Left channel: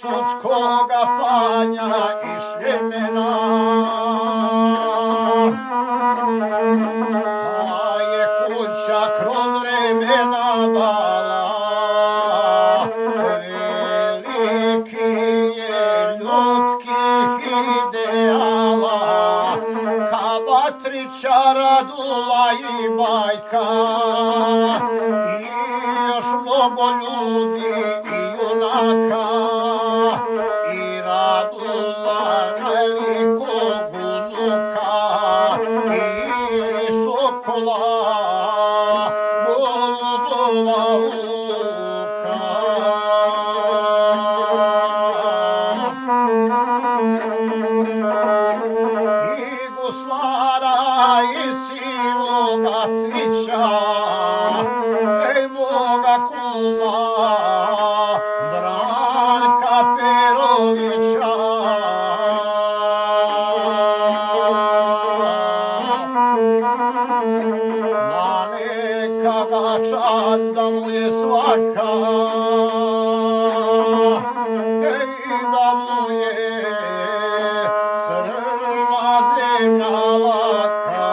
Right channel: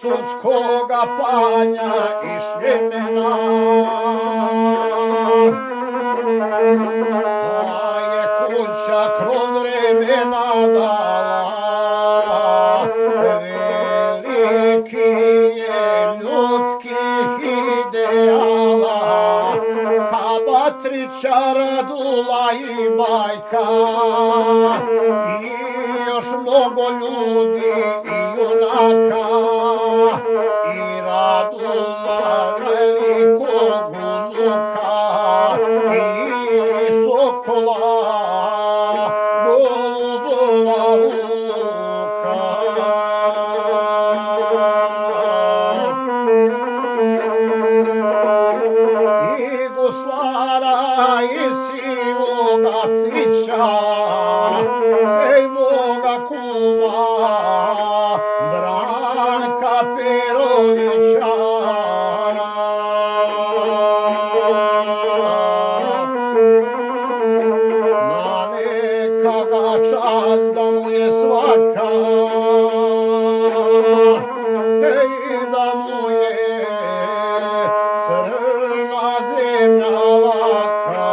Sudskoga panja i šljemena. Ta je kuća kroz vremena dala veliki je ljudskih ideala, Kabatrića, Radula i Bajka i još mnogo ljudi i junaka. I Radula velikog unuka i Sokola golubova uka. I Guslara i Sivoga Tića, ej moga kuma Branka Perovića. Na neka ga čast da mu je svaka, ej da mu je crna zemlja laka.